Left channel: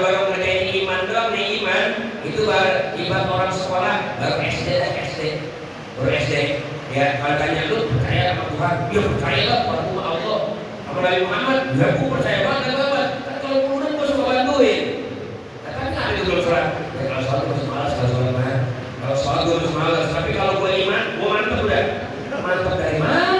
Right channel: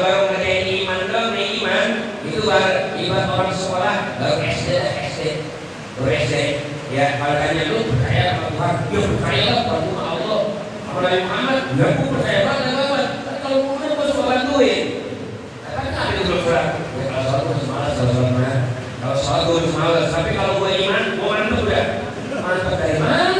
Kalau ngerti iman dong, nih iman itu ibarat orang sekolah baru SD. Ya, kalau tanya lu percaya apa Tuhan? Ya percaya lah sama Allah. Kalau Nabi Muhammad, ya aku percaya banget. Kalau kemudian gue suka bantuin. Kan ada dulu surat. Ya kalau sholat gue semalas, kalau sholat gue semalas. Tapi kalau gue iman, gue mantap udah. Mantap dari mana?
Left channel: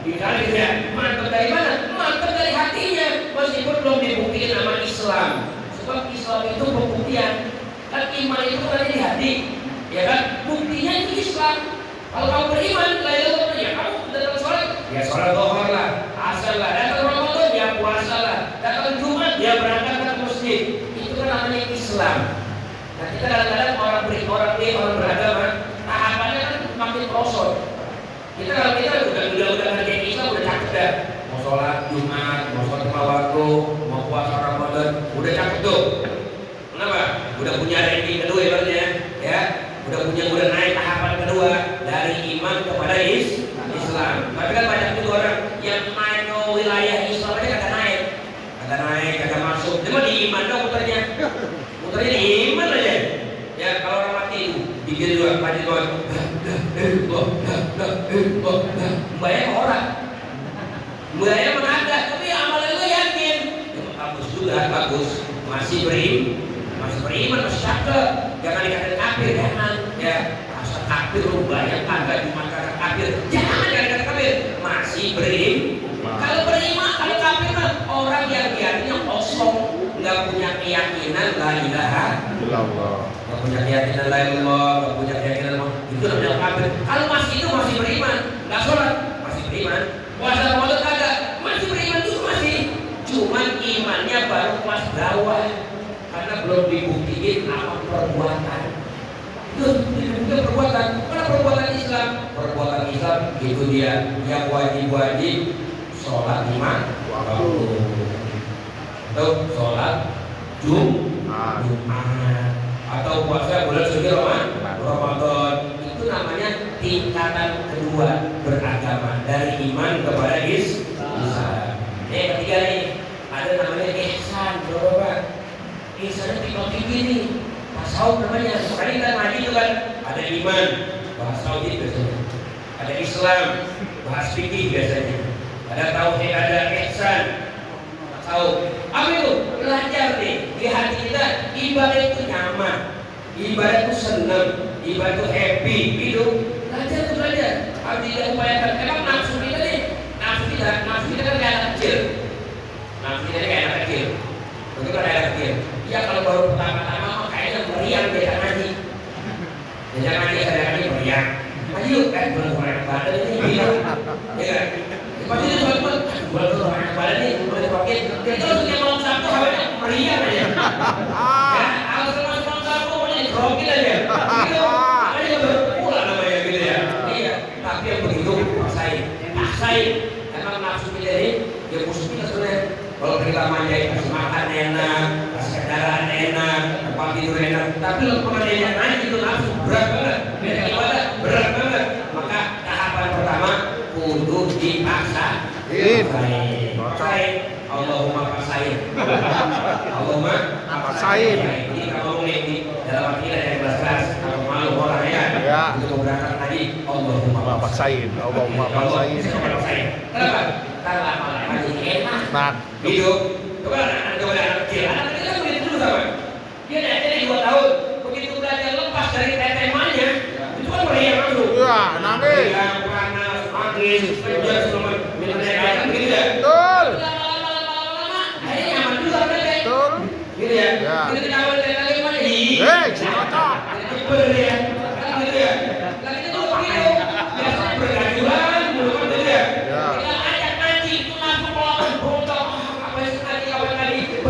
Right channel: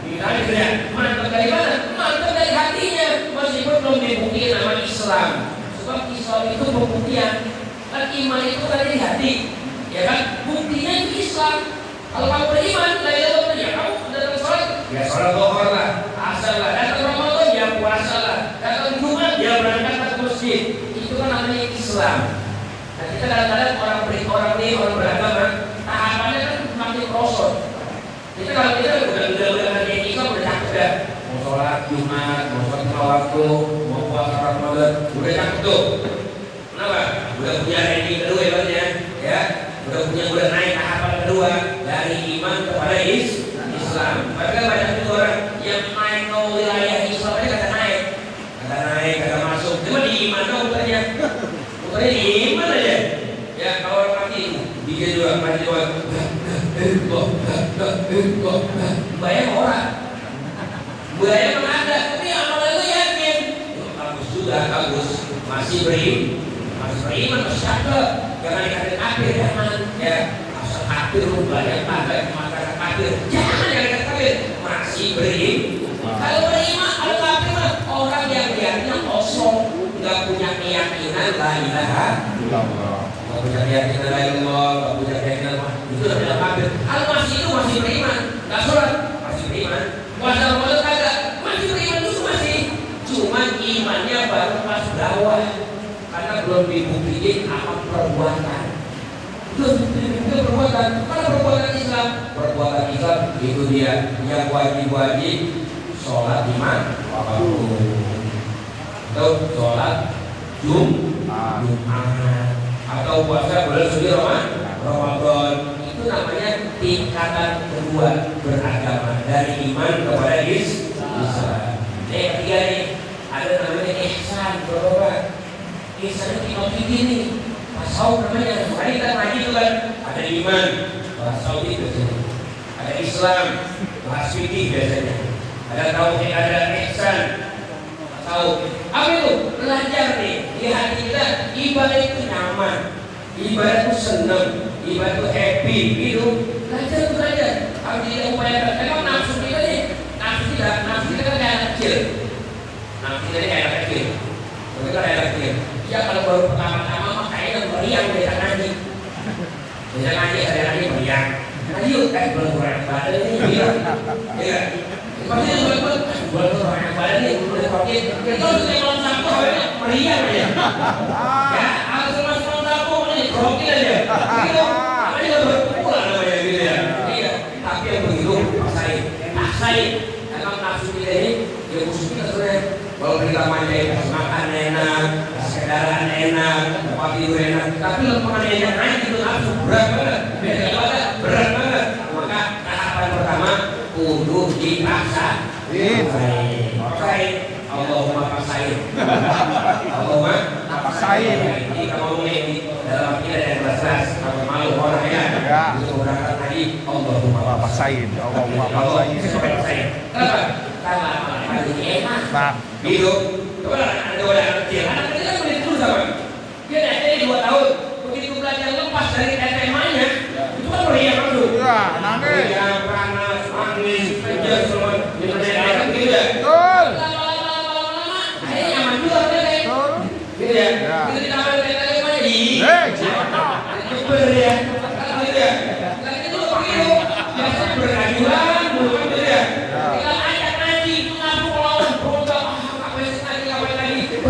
Dikali ya, mantap dari mana? Mantap dari hatinya. Meskipun belum dibuktiin sama Islam. Sebab Islam itu pembuktian. Kan iman itu kan dari hati. Ya kan? Buktinya itu Islam. Kalau kamu beriman, ya kamu datang sholat, ya sholat zuhur lah, asar lah, datang Ramadan, ya puasa lah, datang Jumat, ya berangkat ke masjid. Itu kan namanya Islam. Nah kita kadang-kadang orang beragama, tahapannya kan makin prosot. Kalau kita udah kerja Islam udah cakep dah. Mau sholat Jumat, mau sholat lima waktu, mau puasa Ramadan, udah cakep tuh. Kenapa? Udah punya ranking kedua ya. Udah naik tahapan kedua dari iman kepada Islam. Tapi kan banyak juga orang yang naik ke wilayah Islam aja kagak masuk. Cuma di iman dong muternya di iman aja. Ya kalau orang mati itu bikin juga mati doang. Bayang orang. Bayang mana ada? Tapi amalan lu yakin. Bagus sudah bagus. Masih beriman masih cakep. Jangan dikatakan kafir, jangan. Ya, asal kafir lu banyak pada di masyarakat kafir. Jangan dikatakan kafir. Masih beriman. Kalau beriman, kalau kafir mah orang yang niatnya kosong, nggak punya keyakinan la ilaha illallah. Nggak punya keyakinan la ilallah, nggak punya keyakinan itu namanya kafir. Kalau masih beriman, nggak sholat, masih beriman. Puasa Ramadan kagak, masih beriman itu masih. Cuman imannya baru pas dakwah. Karena belum dibuktiin apa perbuatan. Itu perbuatan. Karena perbuatan Islam itu dia yang wajib sholat 5 waktu. Atau sholat Jumat atau puasa bulan suci Ramadan. Itu namanya tingkatan kedua beragama dari iman kepada Islam. Ketiga nih ada namanya ihsan. Misalnya tinggal begini, tasawuf namanya. Kemarin kita ngaji itu kan ada iman, bahas tauhid biasanya. Ada Islam, bahas fikih biasanya. Ada tauhid, ada ihsan, tasawuf. Apa itu? Belajar nih di hati kita. Ibadah itu nyaman, ibadah itu senang, ibadah itu happy, gitu. Belajar. Harus diupayakan. Memang nafsu kita nih, nafsu kita kan kayak anak kecil. Nafsu kita kayak anak kecil. Itu kan anak kecil. Ya kalau baru pertama-tama kayaknya meriang beda ngaji ada meriang. Ngaji yuk belum orang badan ini bilang. Ya. Pasti belum orang badan ini udah pakai. Kita sudah malam Sabtu hawanya meriang aja. Ya, kalau selama malam Sabtu ini rokil aja. Gitu. Namanya berpulang namanya gitu ya. Iya, tapi yang begitu paksain. Emang nafsu kita ini ya musuh kita sebenarnya. Kalau kita manjain kasih makan enak, kasih kendaraan enak, tempat tidur enak, tapi kalau pemandian enak itu langsung berat banget, berat banget. Maka tahapan pertama kudu dipaksain. Allahumma paksain. Ini kalau ngomongin di dalam kita ada kelas kalau malu orang ya. Itu berangkat tadi Allahumma paksain. Kenapa? Karena ini enak. Nah, Hidup, coba anak kecil kan boleh terus apa? Dia SD 2 tahun, begitu belajar lepas dari SMA-nya, itu kan meriang langsung. ya nangis. Meriang, panas, angin, kejar semua, kan gitu ya. Betul. Lama-lama, akhirnya nyaman juga kan? Betul. Gitu ya. Ya. Kita tidak mau tanya mana? Siapa? Kiper ya, gitu ya. Lagi itu begitu, biasa bergajulan, bukan gitu ya. Kita ajak ngaji, itu langsung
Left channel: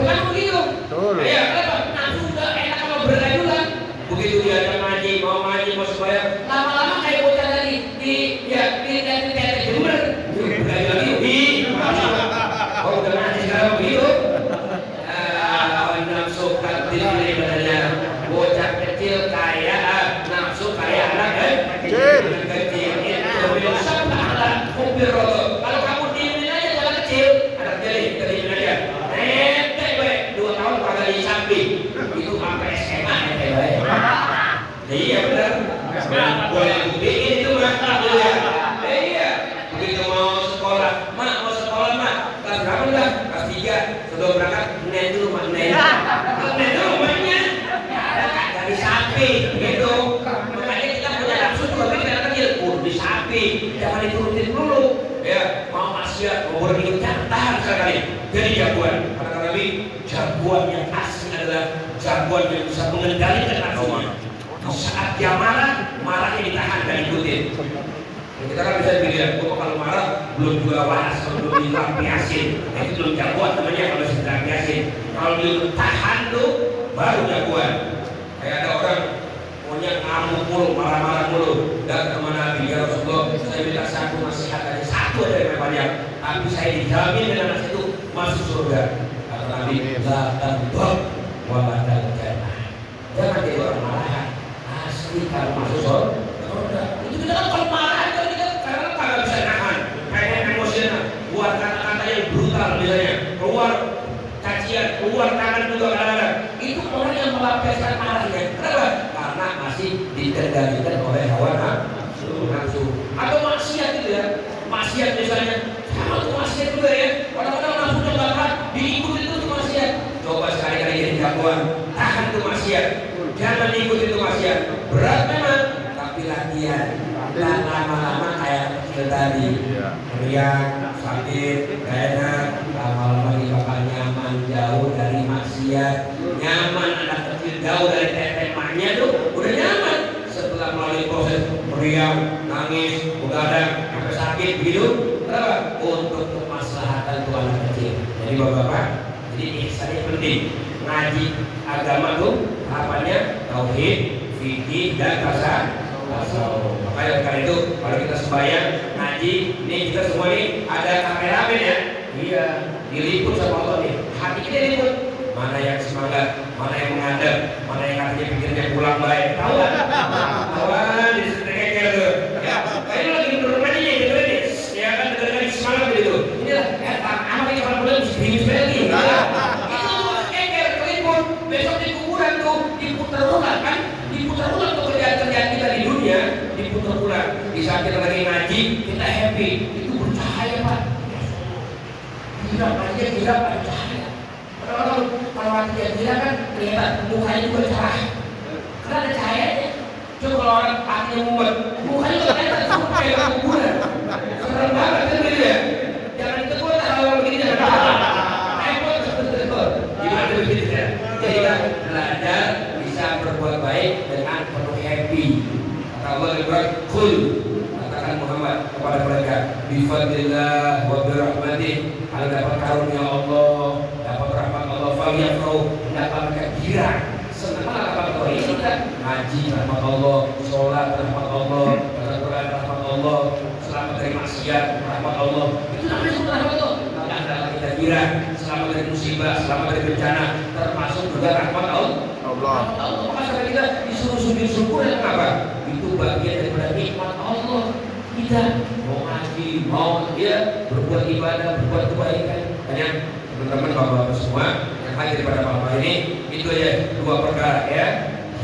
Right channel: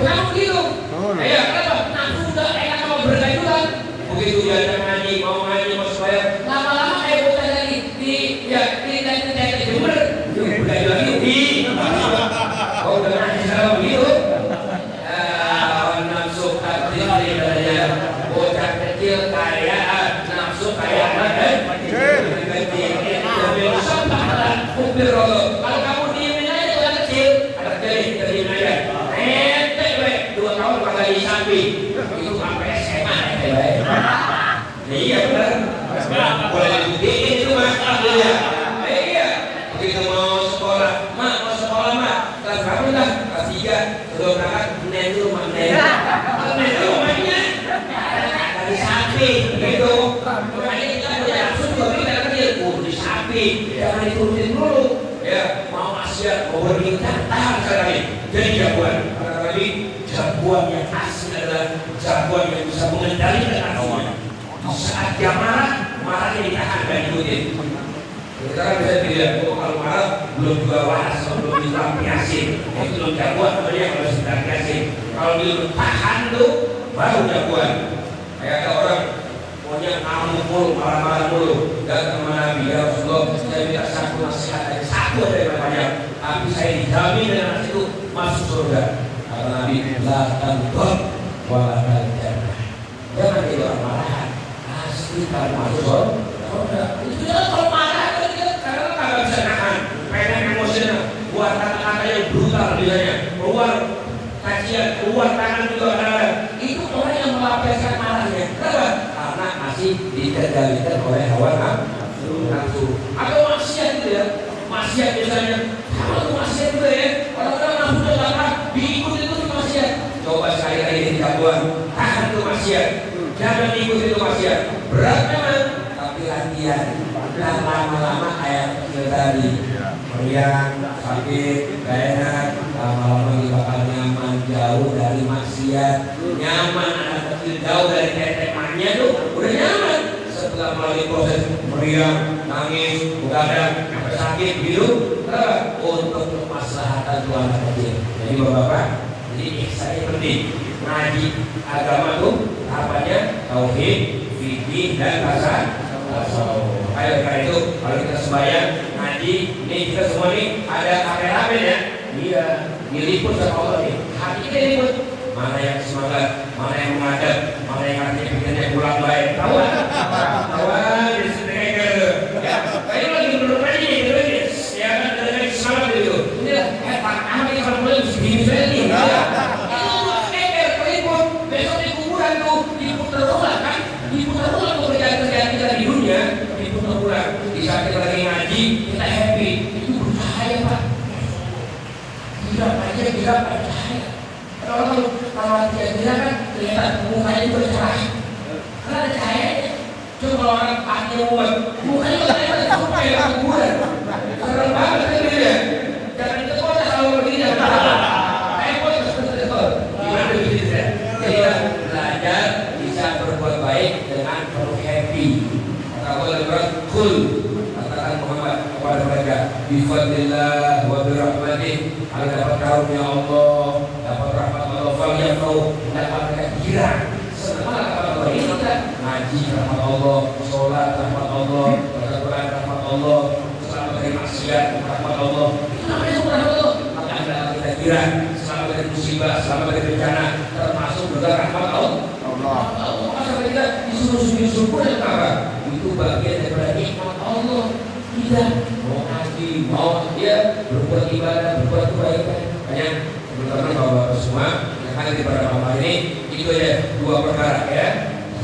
berkamu begitu. Ya, kenapa? Nafsu udah enak sama bergajulan. Begitu dia ngaji, mau sembahyang, lama-lama kayak bocah tadi di jember. Bergajulan itu oh udah ngaji sekarang begitu. Lawan nafsu kadri ibadahnya. Bocah kecil kayak baik. Iya benar. Boleh ikutin itu mah. Iya. Begitu mau sekolah, mak mau sekolah mak. Kelas berapa dah? Kelas 3. Sudah berangkat naik dulu mak naik. Naik dulu maknya. Dari sapi gitu. Makanya kita punya langsung juga kita kerja di sapi. Jangan ikutin dulu. Ya mau maksiat, mau berikutnya tahan sekali. Jadi jagoan. Karena tadi jagoan yang asli adalah jagoan yang bisa mengendalikan hatinya. Saat dia marah, marahnya ditahan dan diikutin. Kita kan bisa bilang, kalau marah belum juga waras, belum dilampiasin. Itu belum jagoan, namanya kalau harus dilampiasin. Kalau dia tahan tuh, baru jagoan. Kayak ada orang maunya ngamuk mulu, marah-marah mulu. Datang sama Nabi, ya Rasulullah, saya minta satu nasihat dari satu dari banyak. Tapi saya dijamin dengan itu masuk surga. Kata Nabi, la tanqab wa la tanjannah. Jangan jadi orang marah. Asli kalau masuk surga. Itu kita kan kalau marah itu kita karena nggak bisa nahan. Kayaknya emosional. Keluar kata-kata yang brutal biasanya. Keluar kacian, keluar tangan juga ada. Itu orang yang melampiaskan marahnya. Kenapa? Karena masih dikendalikan oleh hawa nafsu. Atau maksiat itu ya. Maksiat biasanya. Kalau itu maksiat juga ya. Orang-orang nafsu coba diikuti itu maksiat. Coba sekali-kali jadi jagoan. Tahan itu maksiat. Jangan diikuti itu maksiat. Berat memang. Tapi latihan. Lama-lama kayak kecil tadi. Meriang, sakit, gak enak. Lama-lama kita bakal nyaman, jauh dari maksiat. Nyaman anak kecil jauh dari tetemannya tuh udah nyaman. Setelah melalui proses meriang, nangis, begadang, sakit, biru, untuk kemaslahatan tuh anak kecil. Jadi bapak-bapak, jadi ihsannya penting. Ngaji agama tuh apanya? Tauhid, fikih dan tasawuf. Makanya karena itu kalau kita sembahyang ngaji, ini kita semua ini ada kameramen ya. Iya, diliput sama Allah nih. Hati kita diliput. Mana yang semangat, mana yang menghadap, mana yang hati pikirnya pulang baik. Tahu kan? Tahu di seteker. Ya, kayak lagi berdoa ini, terus ya kan lagi semangat gitu. Ini apa yang kalau belum sebiji lagi? Itu buat seteker, keliput. Besok di kuburan tuh diputar ulang kan? Diputar ulang pekerjaan-pekerjaan kita di dunia, diputar ulang. Di saat kita lagi ngaji, kita happy. Itu bercahaya Pak. Tidak aja tidak bercahaya. Kalau dia kan ternyata mukanya juga cerah. Karena ada cahayanya. Coba kalau orang akhirnya muat, mukanya juga ternyata suka kayak kuburan. Serem banget kan dia. Jangan ditegur kalau begini. Gimana begitu ya? Jadi belajar bisa berbuat baik dengan penuh happy. Kalau lebar kul katakan Muhammad kepada mereka, bifadlillah wa birahmatih, kalau dapat karunia Allah, dapat rahmat Allah, falyafrahu, dapat mereka girang. Senang dapat ini kita ngaji rahmat Allah, sholat rahmat Allah, baca Quran rahmat Allah, selamat dari maksiat rahmat Allah. Itu namanya semua rahmat Allah. Maka hendaklah kita girang, selamat dari musibah, selamat dari bencana, termasuk juga rahmat Allah. Maka kita disuruh syukur dan apa? Itu bagian daripada nikmat Allah. Kita mau ngaji, mau dia berbuat ibadah, berbuat kebaikan. Hanya teman-teman bapak-bapak semua yang hadir pada malam ini, itu ya dua perkara ya.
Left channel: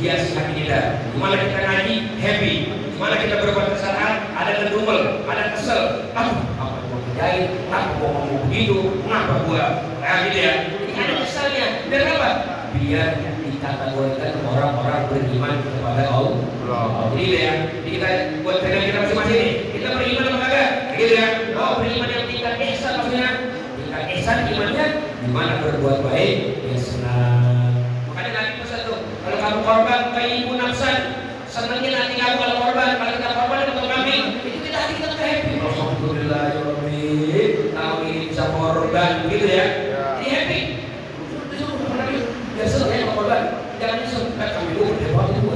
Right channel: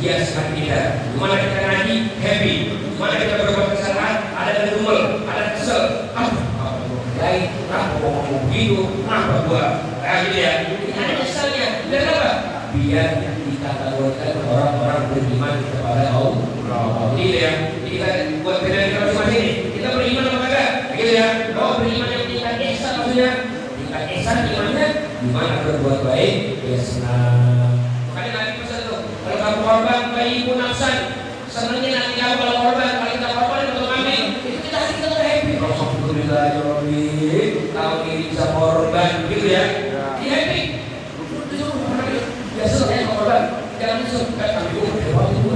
Hias hati kita. Gimana kita ngaji happy, gimana kita berbuat kesalahan ada gedumel, ada kesel. Apa mau kerjain, apa mau begitu, kenapa gua gitu ya. Ini ada keselnya. Dan apa? Biar dikategorikan orang-orang beriman kepada Allah. Gitu ya. Jadi kan buat beda kita masing-masing ini. Kita beriman kepada, gitu ya. Oh beriman yang tingkat ihsan maksudnya. Tingkat ihsan imannya gimana berbuat baik, ya senang. Makanya Nabi pesan tuh, kalau kamu korban bayimu nafsan, senangnya nanti kamu kalau korban, kalau kita korban kita kambing, itu kita hati kita happy. Alhamdulillah ya Rabbi, kamu ini bisa korban, gitu ya. Di happy. Biasa ya korban, jangan suka kami itu,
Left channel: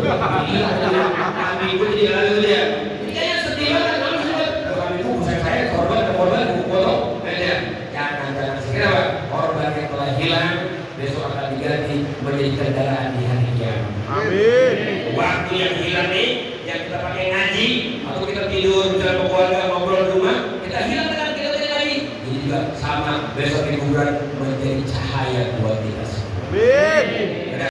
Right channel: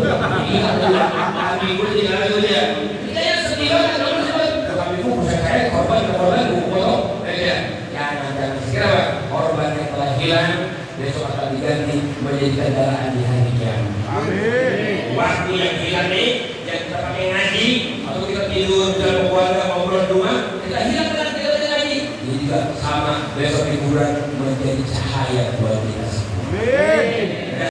kami itu tidak lalu ya. Kita yang sedih banget kalau kami itu saya korban, ya. Jangan segera korban yang telah hilang besok akan diganti menjadi kendaraan di hari kiamat. Amin. Waktu yang hilang nih, yang kita pakai ngaji, atau kita tidur dan keluarga ngobrol di rumah, kita hilang dengan kita ngaji. Ini juga sama besok di kuburan menjadi cahaya buat kita.